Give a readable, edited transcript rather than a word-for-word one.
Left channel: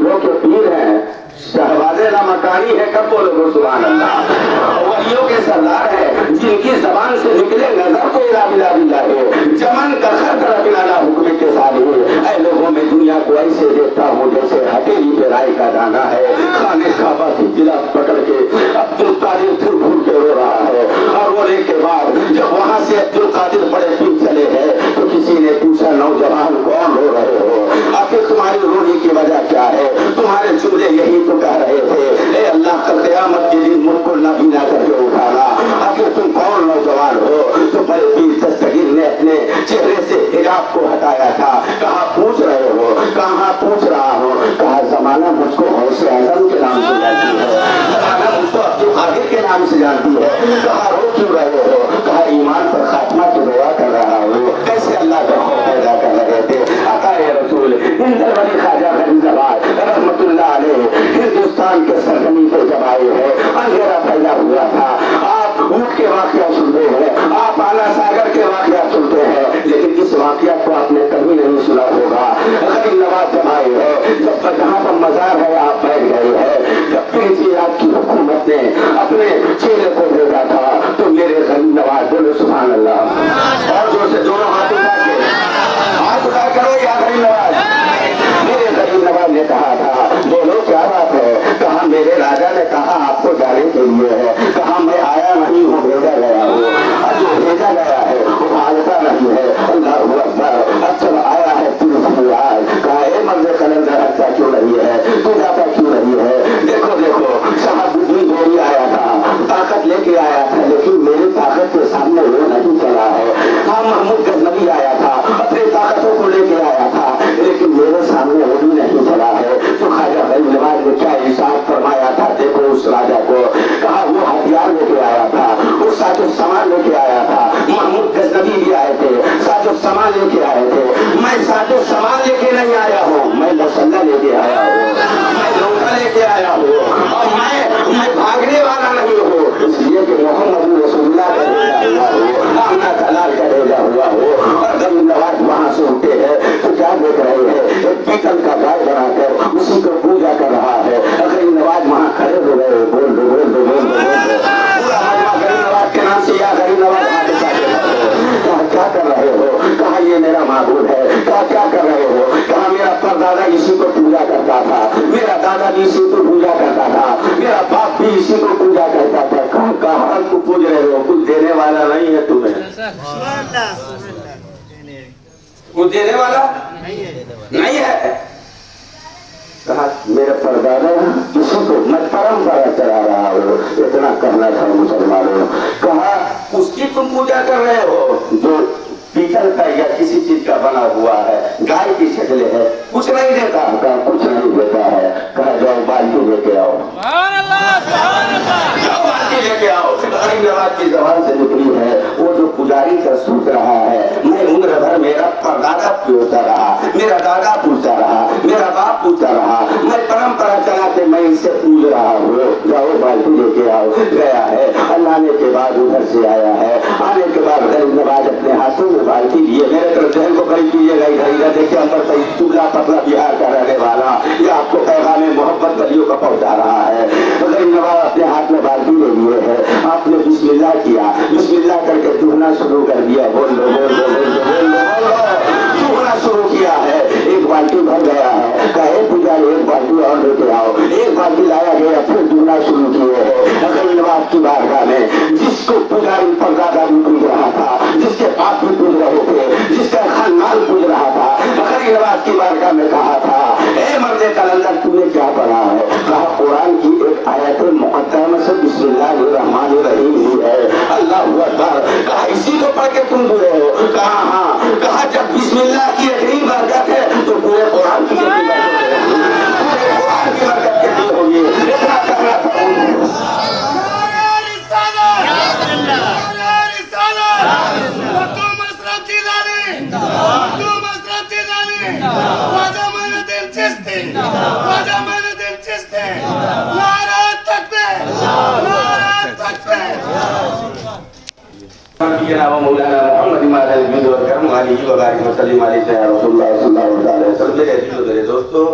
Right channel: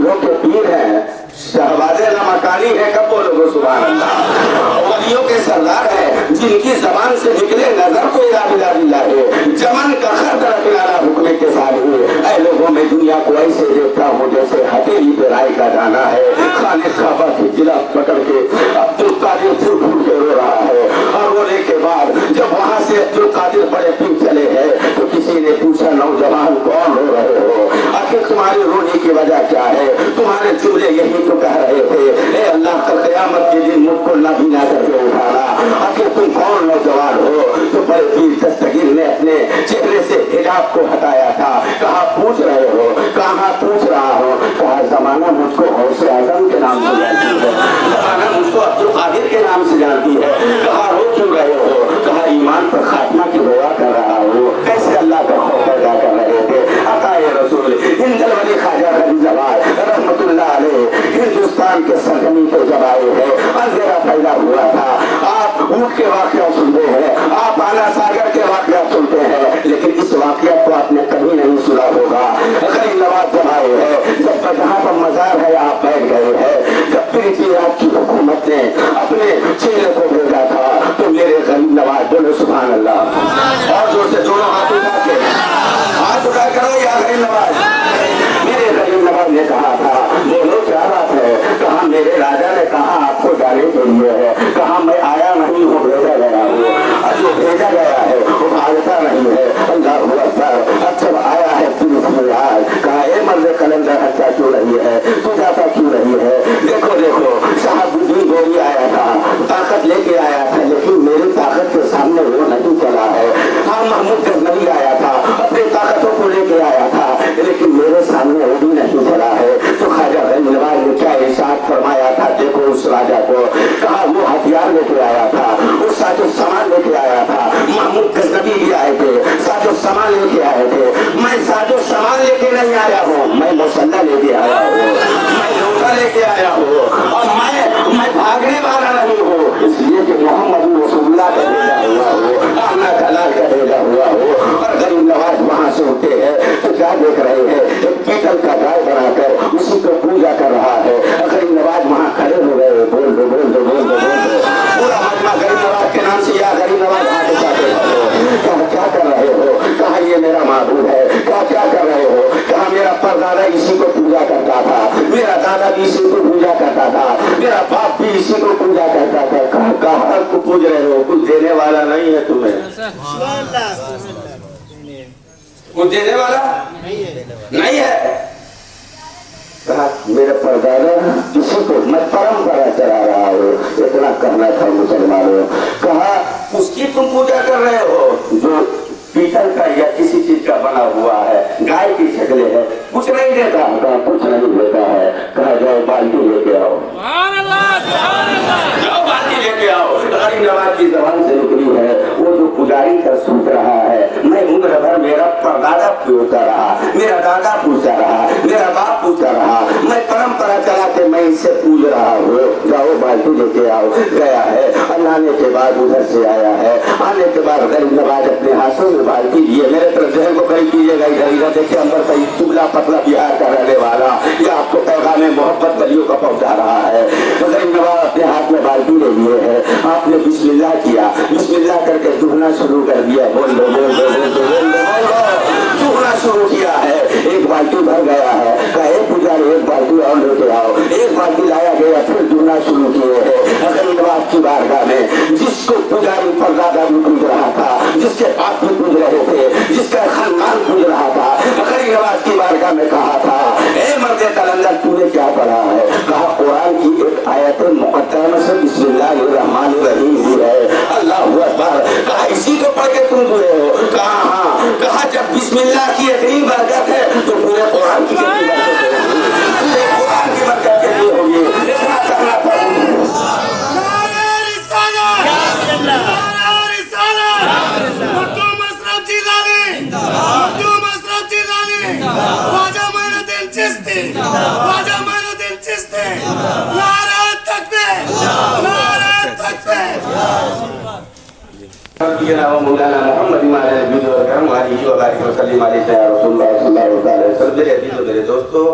पीरों के पीर हैं, शहबाज़े लामकानी है, कब बोलोगे सुभान अल्लाह। वलियों के सरदार हैं, जिनकी जबान से निकले नजर को इला है, चमन का खर्द रखना हुक्म के साथ हुए। ऐ लोगों में दुनिया को ऐसे देखता हूँ जैसे हथेली पे राई का दाना है। खाने खाबा की गिलास पकड़ के अब्दुल कादिर फुर फुर के रो रहा है। और रोने के बाद जब वहां से अब्दुल कादिर बड़े पीर चले हैं तो किसी ने पूछा, नौजवान कौन रो रहे हो, आखिर तुम्हारी रोने की वजह क्या है? तुम्हारे जुमले यही तो कह रहे थे, ए अल्लाह का क़यामत के दिन मुझको नबीना करके उठाना। आखिर तुम कौन नौजवान हो? तो बड़े पीर दस्तगीर ने अपने चेहरे से हिजाब को हटाया था। कहा पूछ रहे हो? कहा पूछ रहा हो? कहा जमाना मुझको गौसे आज़म के नाम से जानती है, जमाना मुझको अब्दुल कादिर के नाम से जानती है। कहा रो क्यों रहे हो? कहा ईमान पर खात्मा की दुआ कर रहा हूँ। कैसे अल्लाह का खौफ पैदा कर रहे थे। अताए रसूल हिंदल वली ख्वाजा गरीज़ाबाद रहमतुल्लाह अलैह हिंदुस्तान के सरजमीन पे जब आए हैं, अंधेरा पैदा हुआ था। आप ऊँट के वाक़या सुनते हैं, आप आना सागर के वाक़या सुनते हैं, लेकिन इस वाक़या को आपने कभी नहीं सुना होगा। गरीब नवाज जब आए हैं, जब जहाँ पर मज़ार है आप बैठ गए हैं, जब फिर आपकी हुकूमत ने अपने चेले को भेजा था तो मेरे गरीब नवाज बोलो सुभान अल्लाह। और जो से दोनों हाथ उठा के हाथ उठा करो या गरीब नवाज। मेरे गरीब नवाज ने कहा था, बोलो क्या बात है? कहा मेरे राजा ने कहा आपको जाने के लिए है। कहा मैं आया नहीं हूँ, भेजा गया हूँ। अब जो भेजा गया है वो भागता नहीं है। अल्लाह अकबर। अब जब आया है फिर आज कहा ए मर्द कलंदर हत्या क्यों नहीं है, तू जाता क्यों नहीं है? देखो देखो शहाबुद्दीन गोरी आया था, ताकत लेके आया था, लेकिन मेरी ताकत के सामने वो नहीं चला है। हाँ महमूद गजनवी आया था, अपनी ताकतों को लेके आया था, लेकिन मेरे सामने वो भी नहीं चला है। तो ख्वाजा गरीब नवाज ने क्या इरशाद फरमाया था? देखो उस राजा को, कहा वो हथियार लेके आया था, वो साजो सामान लेके आया था। महमूद गजनवी भी आए थे, साजो सामान लेके आए थे। मैं साजो सामान लेके नहीं आया हूँ, मैं मुसल्ला लेके आया हूँ, मैं लोटा लेके आया हूँ, और मैं भागने वाला नहीं हूँ। इसलिए कि मोहम्मद रसूलुल्लाह का भेजा हुआ हो, आमना कलाल का भेजा हुआ हो। और गरीब नवाज वहाँ से उठे हैं तो क्या देख रहे हैं? एक पीतल का गाय बनाकर उसी को पूजा कर रहा है। गरीब नवाज वहाँ खड़े हो गए, बोल दो बोल दो बोल दो बोल दो। पूरा मजमा गरीब नवाज के नाम से या गरीब नवाज हाथ उठा के रहे हो। कहा क्या कर रहे हो? कहा ये मेरा माबूद है। कहा क्या कर रहे हो? कहा मेरा परदादा इसी को पूजा करता था, मेरा दादा भी इसी को पूजा करता था, मेरा बाप भी इसी को पूजा करता था। कहा को पूज रहे हो? कुछ देने वाला नहीं है तुम्हें, कुछ देने वाला नहीं है। कहा मेरे परदादा किसी को मैं परंपरा चला रहा हूँ, इतना करना था मुसलमानों। कहा उसकी तुम पूजा कर रहे हो जो पीतल का या किसी चीज का बना हुआ है, गाय की शक्ल है, कुछ नहीं देता। कहा कुछ नहीं देता है। कहा जाओ बाल्टी लेके आओ, जाओ बाल्टी लेके आओ। गरीब नवाज की जबान से निकली है वो जो पुजारी का सोच रहा है, मैं उम्र भर मेरा परदादा पूछता रहा, मेरा दादा पूछता रहा, मेरा बाप पूछता रहा, मैं परंपरा चला के मैं इससे पूछ रहा हूँ। जाओ बाल्टी लेके आओ। गया है, अल्लाह ने के बाद उधर से आया है। आने के बाद गरीब नवाज अपने हाथों में बाल्टी लिए, मेरे तरफ जहन को करीब कीजिएगा, इधर देखिए अंदर कहीं टुकड़ा पतला बिहार का रहने वाला या आपको पैगाम मोहब्बत कलियों का पहुंचा रहा है। तो गरीब नवाज अपने हाथ में बाल्टी ले लिए है, आपने बिस्मिल्लाह किया, बिस्मिल्लाह करके दुहना शुरू कर दिया। बोल दो बोल दो बोल दो बोल दो, दुहना शुरू किया है। एक बाल्टी भर गया है। कहे पुजारी एक बाल्टी और लेके आओ। एक बाल्टी लाया गया, फिर दुहना शुरू किए है। गरीब नवाज की बारगाह में जिसको पुजारी परदादा भी पूज रहा था, जिसके बाप भी पूज रहे थे, जिसका खानदान पूज रहा था, गरीब नवाज की बारगाह में कहा था ए मर्दे कलंदर तूने क्या पढ़ा है? कहा कुरान की एक आयत मुक़द्दमा से बिस्मिल्लाहिर्रहमानिर्रहीम भी है, अल्लाह अकबर। कहा इसी को पढ़ के तुम हुए हो? कहा हाँ। कहा जब बिस्मिल्लाह की इतनी बरकत है तो पूरे कुरान की कितनी बरकत है? पूरे कुरान की बरकत कितनी होगी? इतना करना था। मौलाना मोहम्मद मेरे दोस्तों,